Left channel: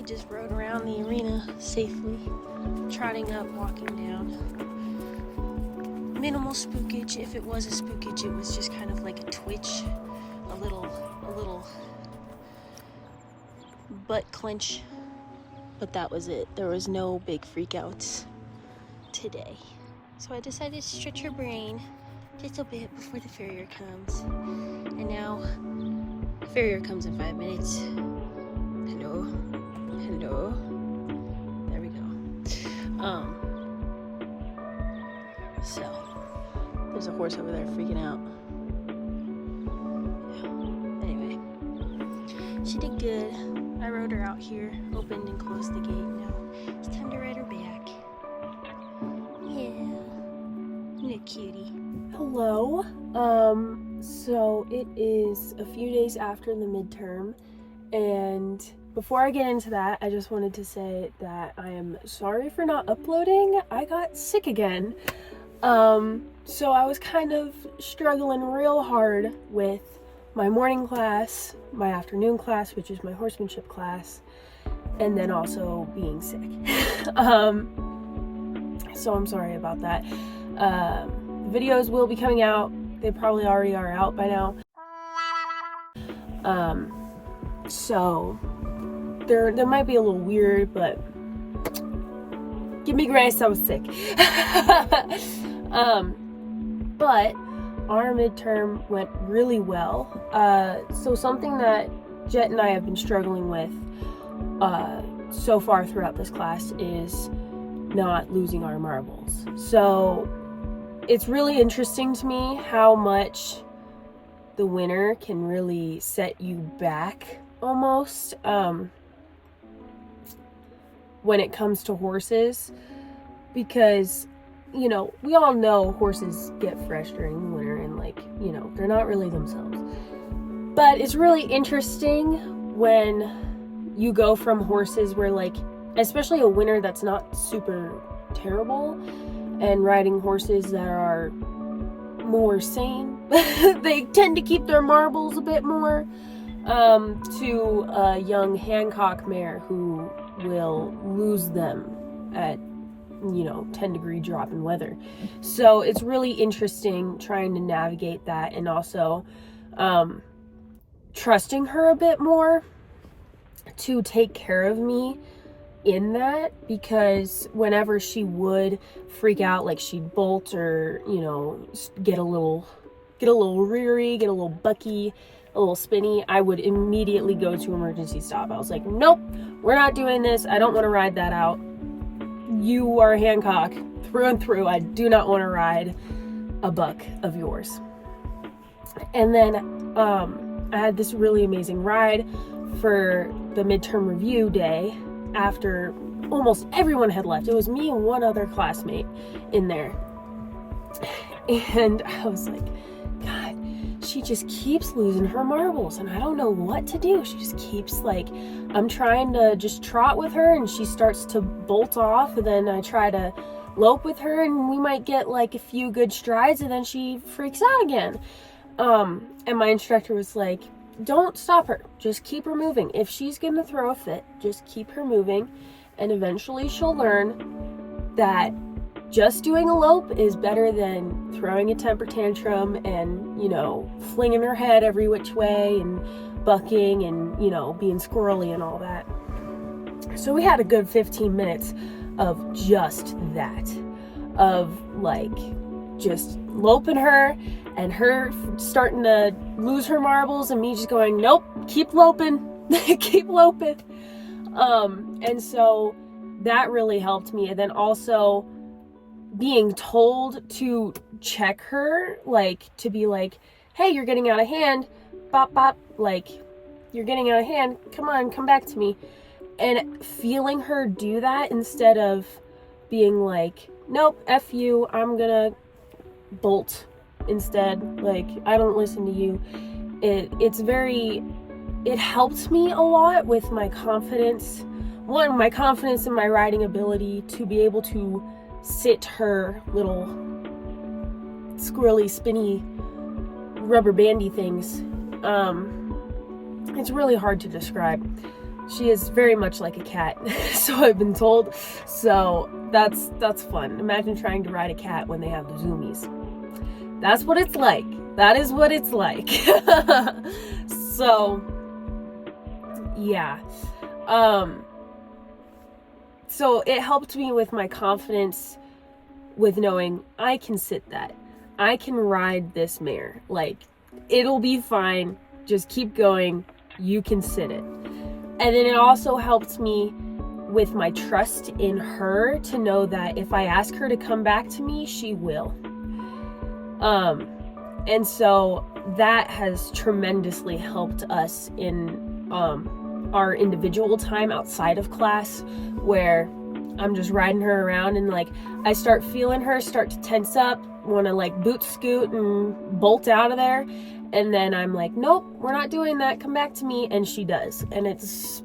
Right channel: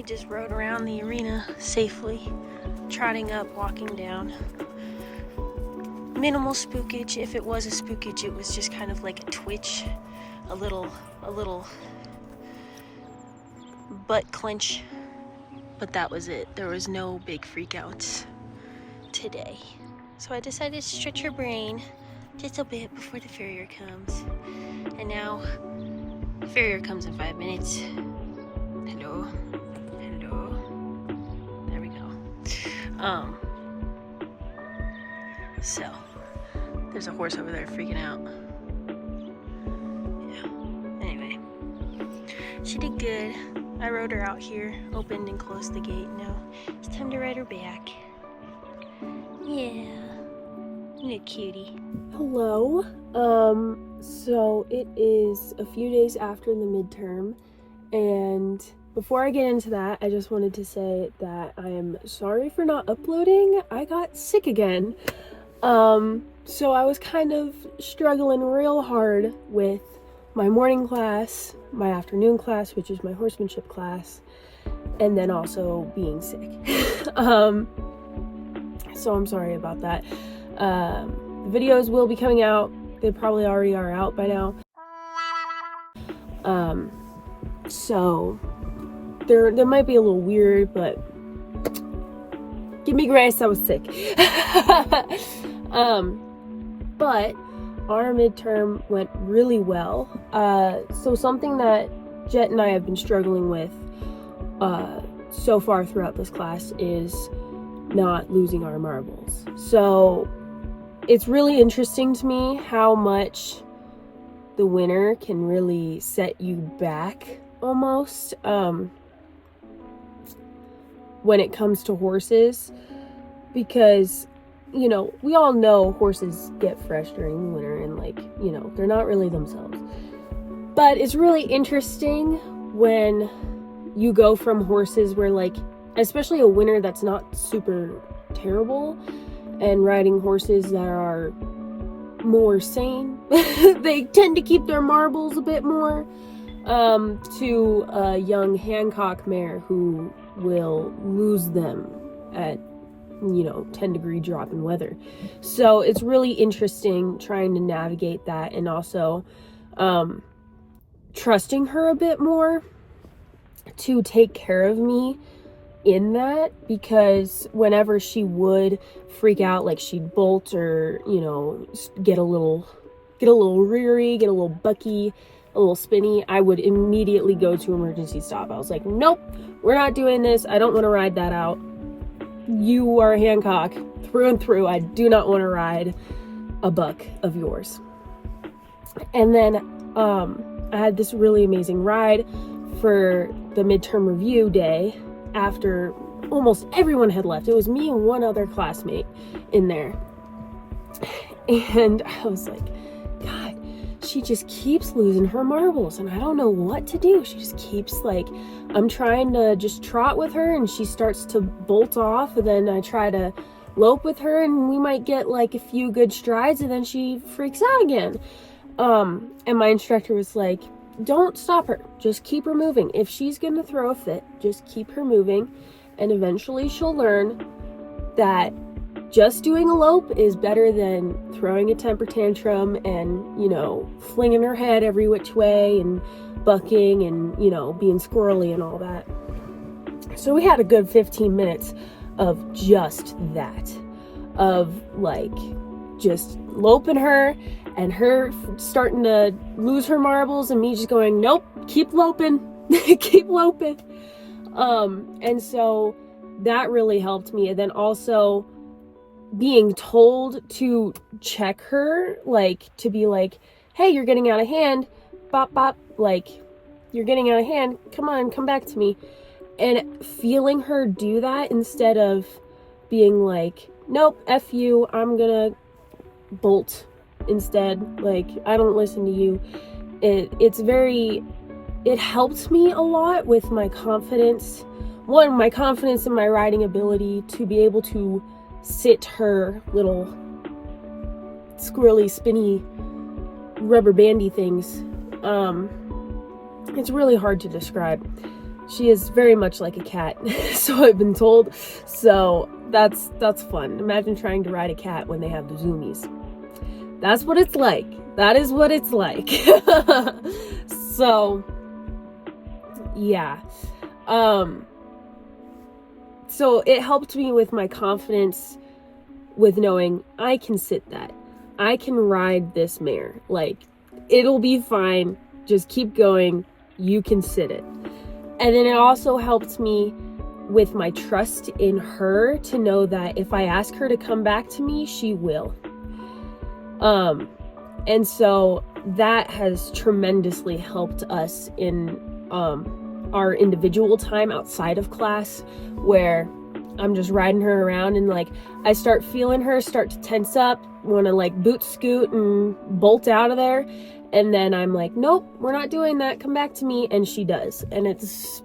we just rode around the arena safely, trotting up, walking down. Minimal spookage. If it was a spookage, it was just kind of like a twitch, a little butt clench, but that was it. There was no big freakouts today. So I decided to stretch her brain just a bit before the farrier comes. And now, farrier comes in 5 minutes. Hello. There we go. So there's a horse over there freaking out. Yeah. Anyway, she did good. I rode her out here, opened and closed the gate. Now it's time to ride her back. Yeah, you a cutie. Hello. So it is a few days after the midterm, and before I get into that, I just wanted to say that I am sorry for not uploading. I got sick again. So I was kind of struggling real hard with my morning class, my afternoon class, which is my horsemanship class, and then also being sick. So I'm sorry about that. Videos will be coming out. They probably already are out by now. So there might be a little weird, but give me grace, I was sick. But our midterm went really well. So something that Jet and I have been struggling with so far throughout this class is not losing our marbles. So it's really interesting to me how much the winter can really set you back almost when it comes to horses, because you know, we all know horses get fresh during the winter and, like, you know, they're not really themselves. But it's really interesting when you go from horses where, like, especially a winter that's not super terrible, and riding horses that are more sane. They tend to keep their marbles a bit more, to a young Hancock mare who will lose them at 10-degree drop in weather. So it's really interesting trying to navigate that, and also trusting her a bit more to take care of me in that, because whenever she would freak out, like she'd bolt or get a little reary, get a little bucky, a little spinny, I would immediately go to emergency stop. I was like, nope, we're not doing this. I don't want to ride that out. You are Hancock through and through. I do not want to ride a buck of yours. And then I had this really amazing ride for the midterm review day after almost everyone had left. It was me and one other classmate in there. And I was like, God, she just keeps losing her marbles and I don't know what to do. She just keeps, like, I'm trying to just trot with her and she starts to bolt off, and then I try to lope with her and we might get like a few good strides and then she freaks out again. And my instructor was like, don't stop her, just keep her moving. If she's gonna throw a fit, just keep her moving, and eventually she'll learn that just doing a lope is better than throwing a temper tantrum and, flinging her head every which way and bucking and, being squirrely and all that. So we had a good 15 minutes of just that, of like just loping her and her starting to lose her marbles and me just going, nope, keep loping, keep loping. And so that really helped me. And then also being told to check her, like to be like, hey, you're getting out of hand, bop, bop, like you're getting out of hand, come on, come back to me. And feeling her do that instead of being like, nope, F you, I'm gonna bolt instead, like I don't listen to you. It helped me a lot with my confidence. One, my confidence in my riding ability to be able to sit her little squirrely, spinny, rubber bandy things. It's really hard to describe. She is very much like a cat, so I've been told. So that's fun. Imagine trying to ride a cat when they have the zoomies. That's what it's like. That is what it's like. So yeah. So it helped me with my confidence with knowing I can sit that. I can ride this mare. Like, it'll be fine. Just keep going. You can sit it. And then it also helped me with my trust in her to know that if I ask her to come back to me, she will. And so that has tremendously helped us in our individual time outside of class, where I'm just riding her around and like I start feeling her start to tense up, want to like boot scoot and bolt out of there, and then I'm like, nope, we're not doing that, come back to me, and she does. And it's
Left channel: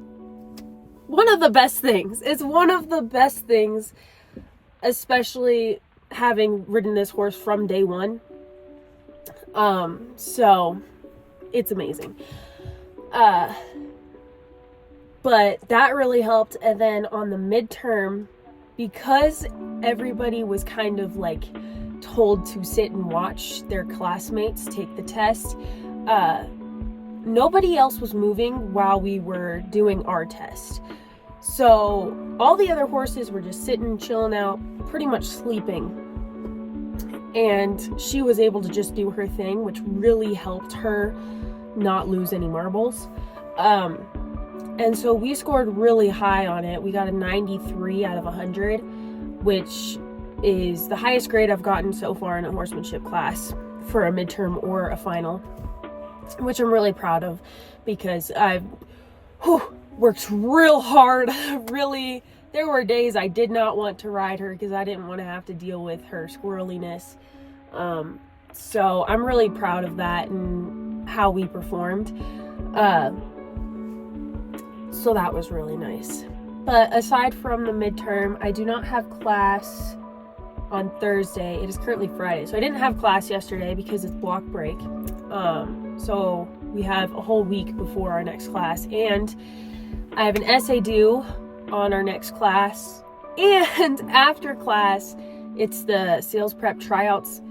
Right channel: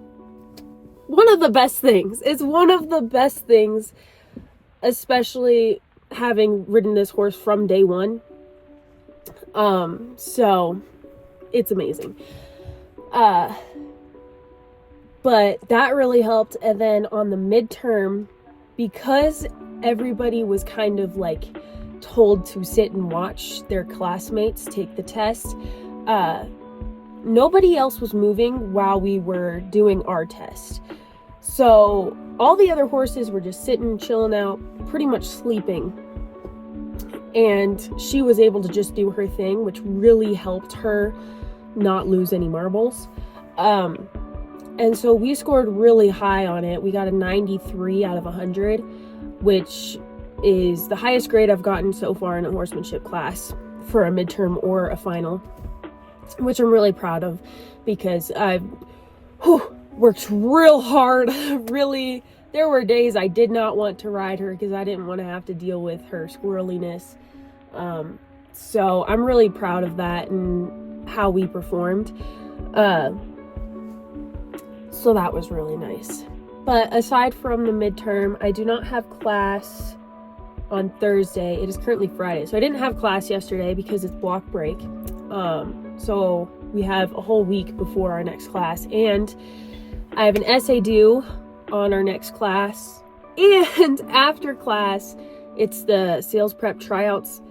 one of the best things. It's one of the best things, especially having ridden this horse from day one. So it's amazing. But that really helped. And then on the midterm, because everybody was kind of like told to sit and watch their classmates take the test, nobody else was moving while we were doing our test. So all the other horses were just sitting, chilling out, pretty much sleeping. And she was able to just do her thing, which really helped her not lose any marbles. And so we scored really high on it. We got a 93 out of 100, which is the highest grade I've gotten so far in a horsemanship class for a midterm or a final, which I'm really proud of, because I've worked real hard. Really, there were days I did not want to ride her because I didn't want to have to deal with her squirreliness. So I'm really proud of that and how we performed. So that was really nice. But aside from the midterm, I do not have class on Thursday. It is currently Friday. So I didn't have class yesterday because it's block break. So we have a whole week before our next class. And I have an essay due on our next class. And after class, it's the sales prep tryouts.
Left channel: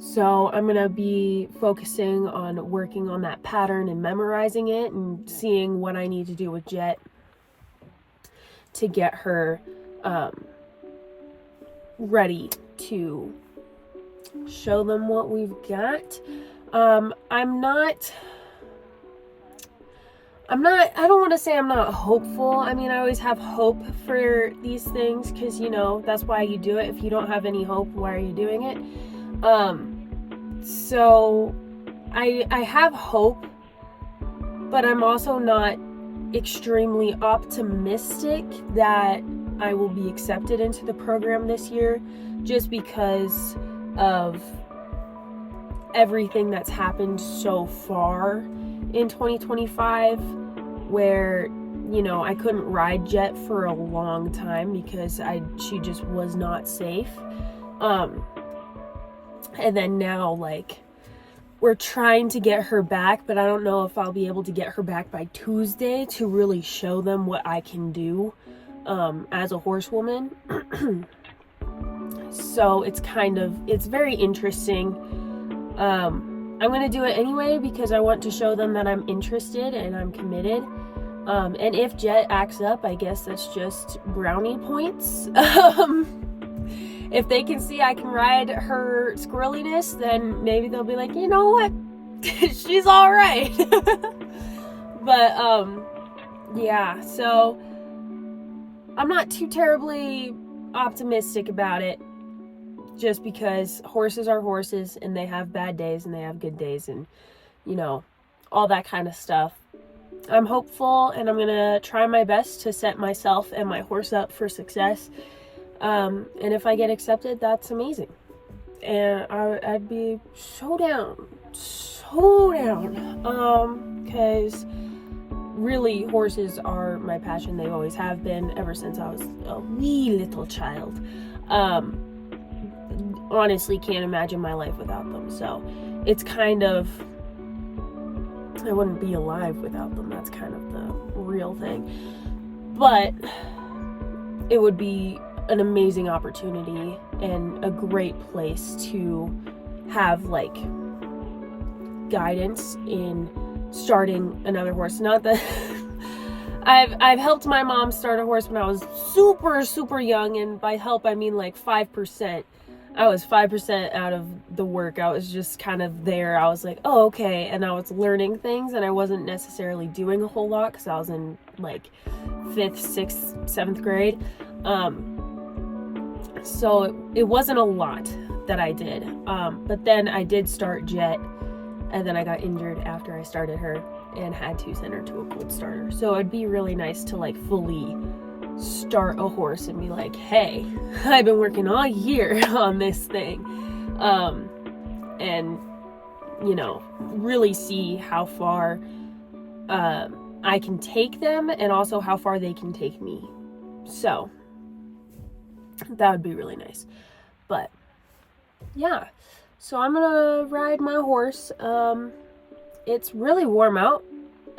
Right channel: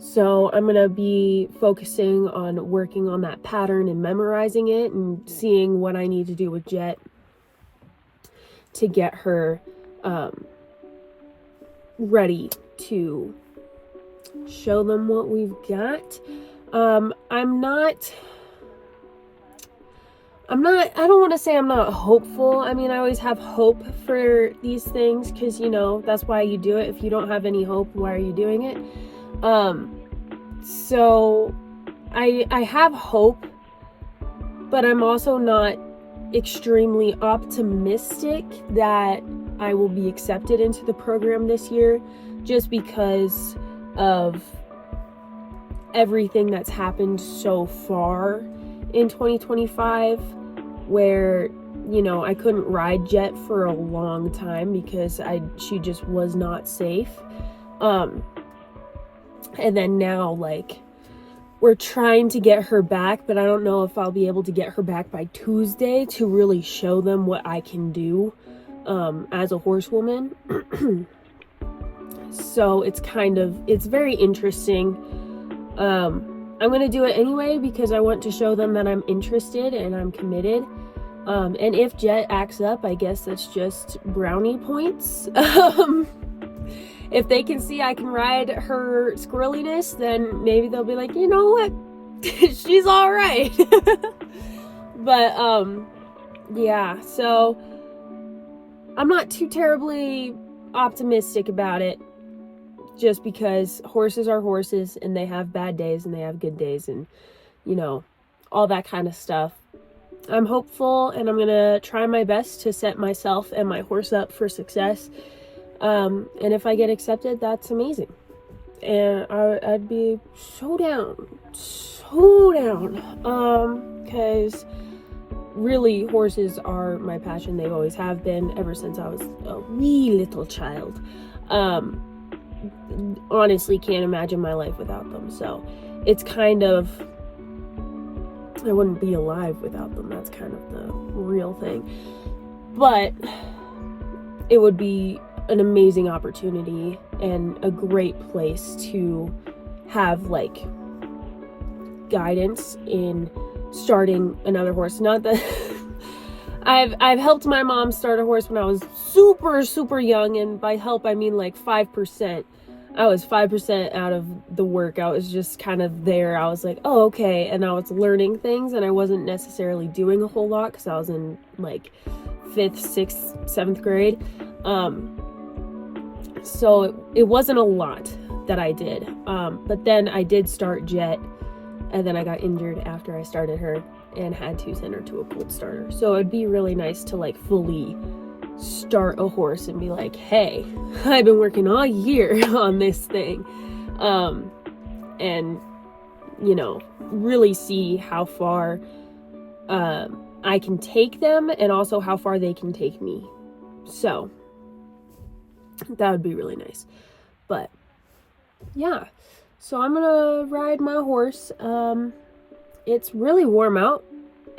So I'm going to be focusing on working on that pattern and memorizing it and seeing what I need to do with Jet to get her ready to show them what we've got. I don't want to say I'm not hopeful. I mean, I always have hope for these things because, you know, that's why you do it. If you don't have any hope, why are you doing it? So I have hope, but I'm also not extremely optimistic that I will be accepted into the program this year, just because of everything that's happened so far in 2025, where, you know, I couldn't ride Jet for a long time because she just was not safe. And then now, like, we're trying to get her back, but I don't know if I'll be able to get her back by Tuesday to really show them what I can do as a horsewoman. So it's very interesting. I'm going to do it anyway because I want to show them that I'm interested and I'm committed. And if Jet acts up, I guess that's just brownie points. If they can see I can ride her squirreliness, then maybe they'll be like, you know what? She's all right. But, yeah, so I'm not too terribly optimistic about it, just because horses are horses and they have bad days and they have good days and, you know, all that kind of stuff. I'm hopeful and I'm going to try my best to set myself and my horse up for success. And if I get accepted, that's amazing. And I'd be so down. Because really horses are my passion. They always have been ever since I was a wee little child. Honestly, can't imagine my life without them. So it's kind of, I wouldn't be alive without them. That's kind of the real thing. But it would be an amazing opportunity and a great place to have like guidance in starting another horse. Not that I've helped my mom start a horse when I was super young, and by help I mean like 5%. I was 5% out of the work. I was just kind of there. I was like, oh, okay. And I was learning things, and I wasn't necessarily doing a whole lot because I was in like 5th, 6th, 7th grade. So it wasn't a lot that I did. But then I did start Jet, and then I got injured after I started her and had to send her to a cold starter. So it'd be really nice to like fully start a horse and be like, hey, I've been working all year on this thing, and you know, really see how far I can take them and also how far they can take me. So that would be really nice. But yeah, so I'm gonna ride my horse. It's really warm out,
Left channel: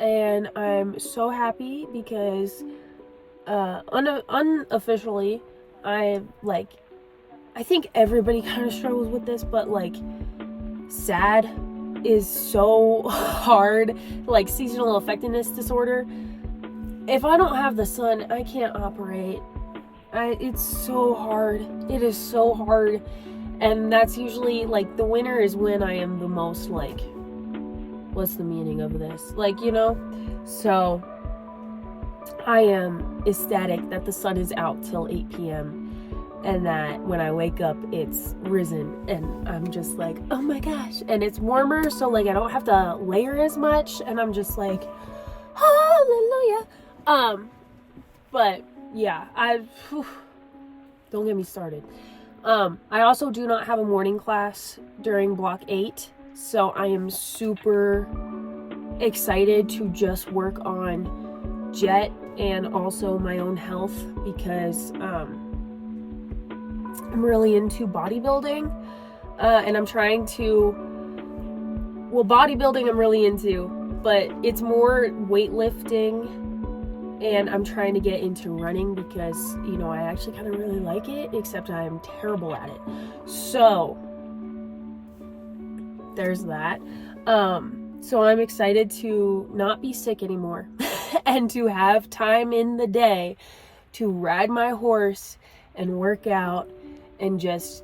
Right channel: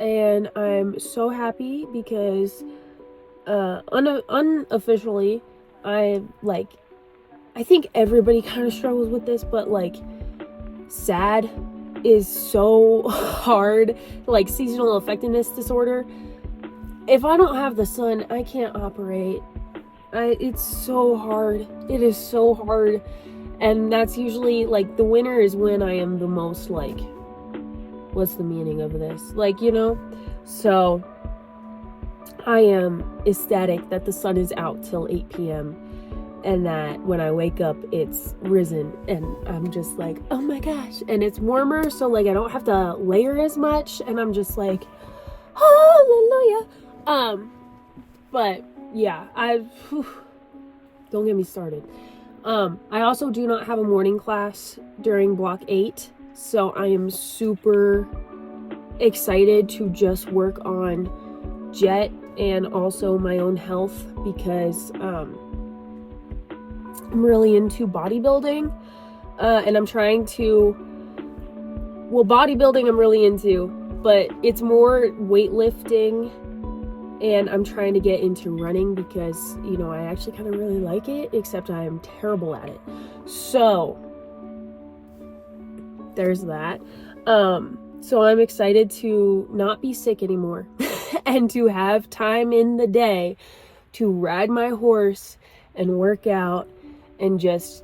and I'm so happy because unofficially, I think everybody kind of struggles with this, but like SAD is so hard, like seasonal affectedness disorder. If I don't have the sun, I can't operate. It's so hard. It is so hard. And that's usually like the winter is when I am the most like, what's the meaning of this? Like, you know? So I am ecstatic that the sun is out till 8 p.m. and that when I wake up, it's risen, and I'm just like, oh my gosh. And it's warmer, so like I don't have to layer as much, and I'm just like, hallelujah. But yeah, don't get me started. I also do not have a morning class during block 8, so I am super excited to just work on Jet and also my own health, because I'm really into bodybuilding, and I'm trying to, well, bodybuilding I'm really into, but it's more weightlifting, and I'm trying to get into running because, you know, I actually kind of really like it, except I'm terrible at it. So there's that. So I'm excited to not be sick anymore and to have time in the day to ride my horse and work out and just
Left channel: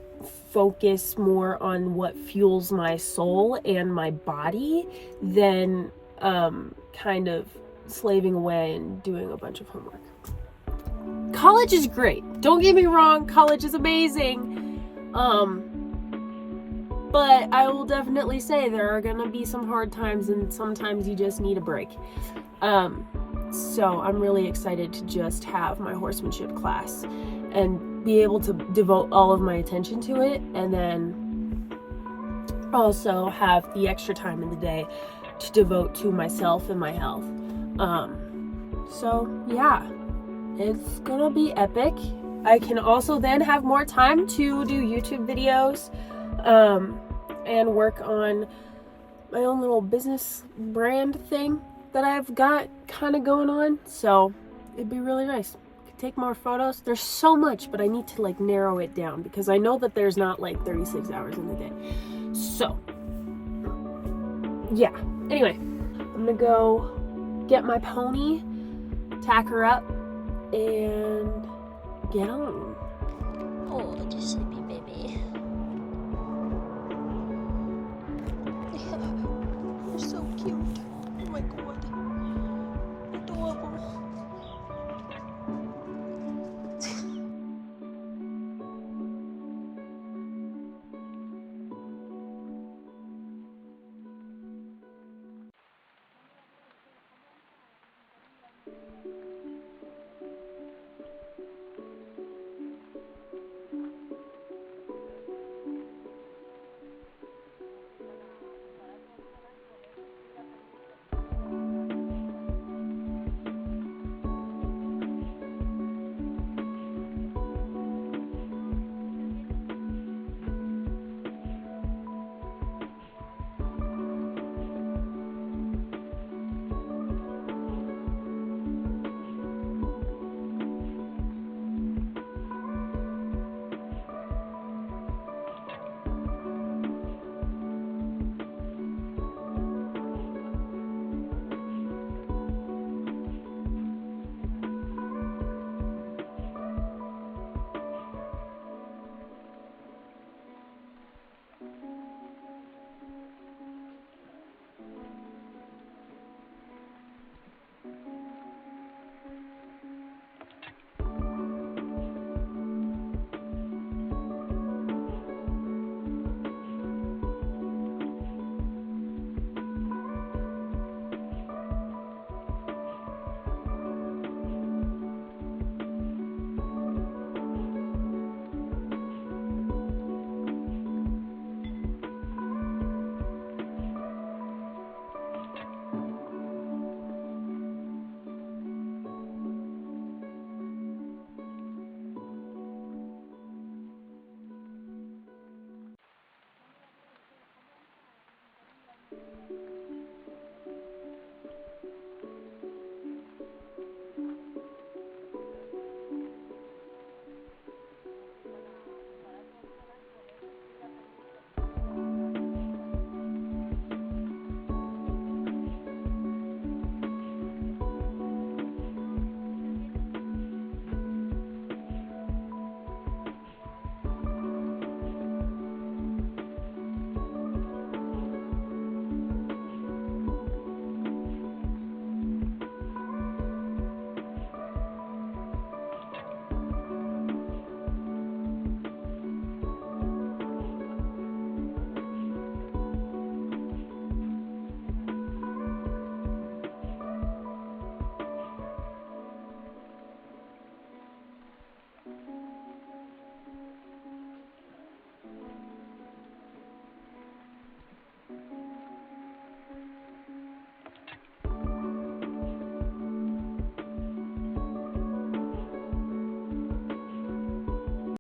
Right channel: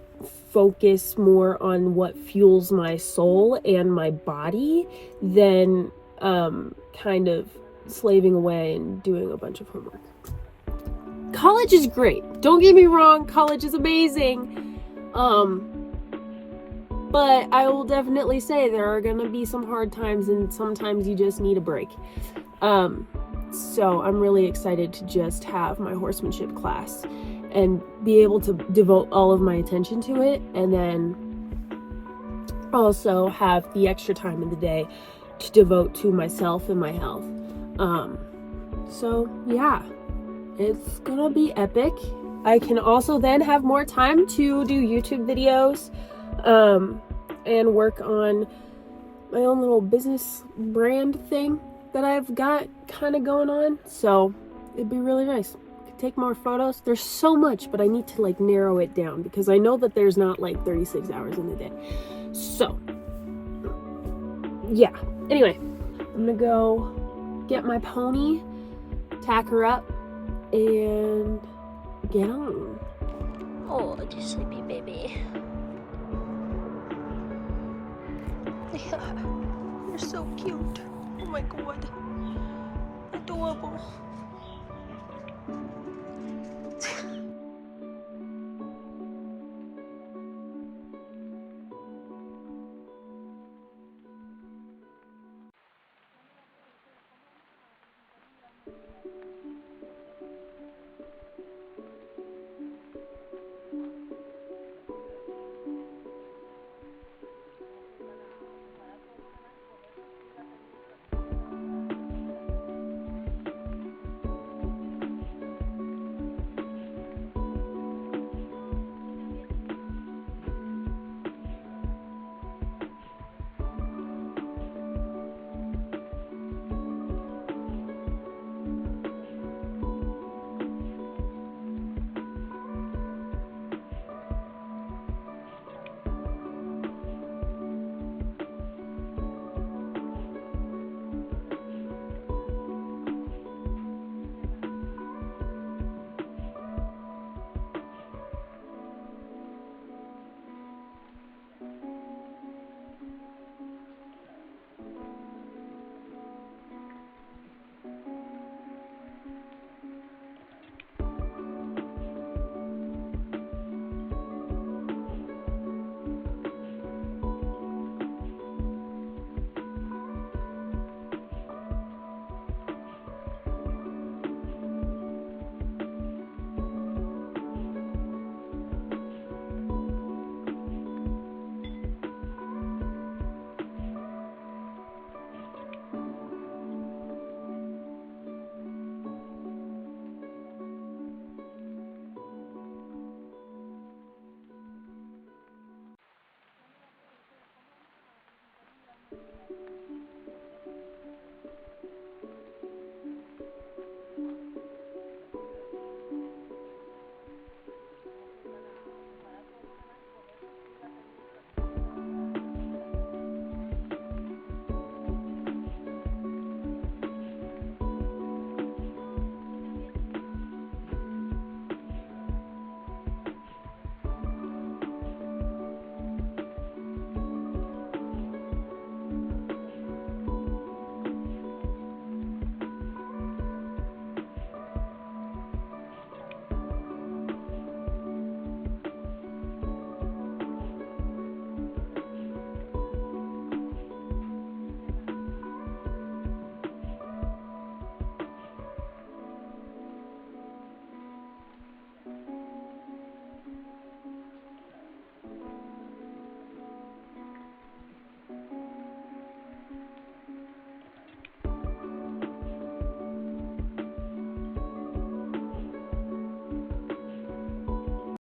focus more on what fuels my soul and my body than kind of slaving away and doing a bunch of homework. College is great. Don't get me wrong, college is amazing. But I will definitely say there are gonna be some hard times, and sometimes you just need a break. So I'm really excited to just have my horsemanship class and be able to devote all of my attention to it, and then also have the extra time in the day to devote to myself and my health. So yeah, it's gonna be epic. I can also then have more time to do YouTube videos, and work on my own little business brand thing that I've got kind of going on. So it'd be really nice. Could take more photos. There's so much, but I need to like narrow it down because I know that there's not like 36 hours in the day. So yeah, anyway, I'm gonna go get my pony, tack her up, and get on. Oh, just sleepy baby. Yeah, you're so cute. Oh my god.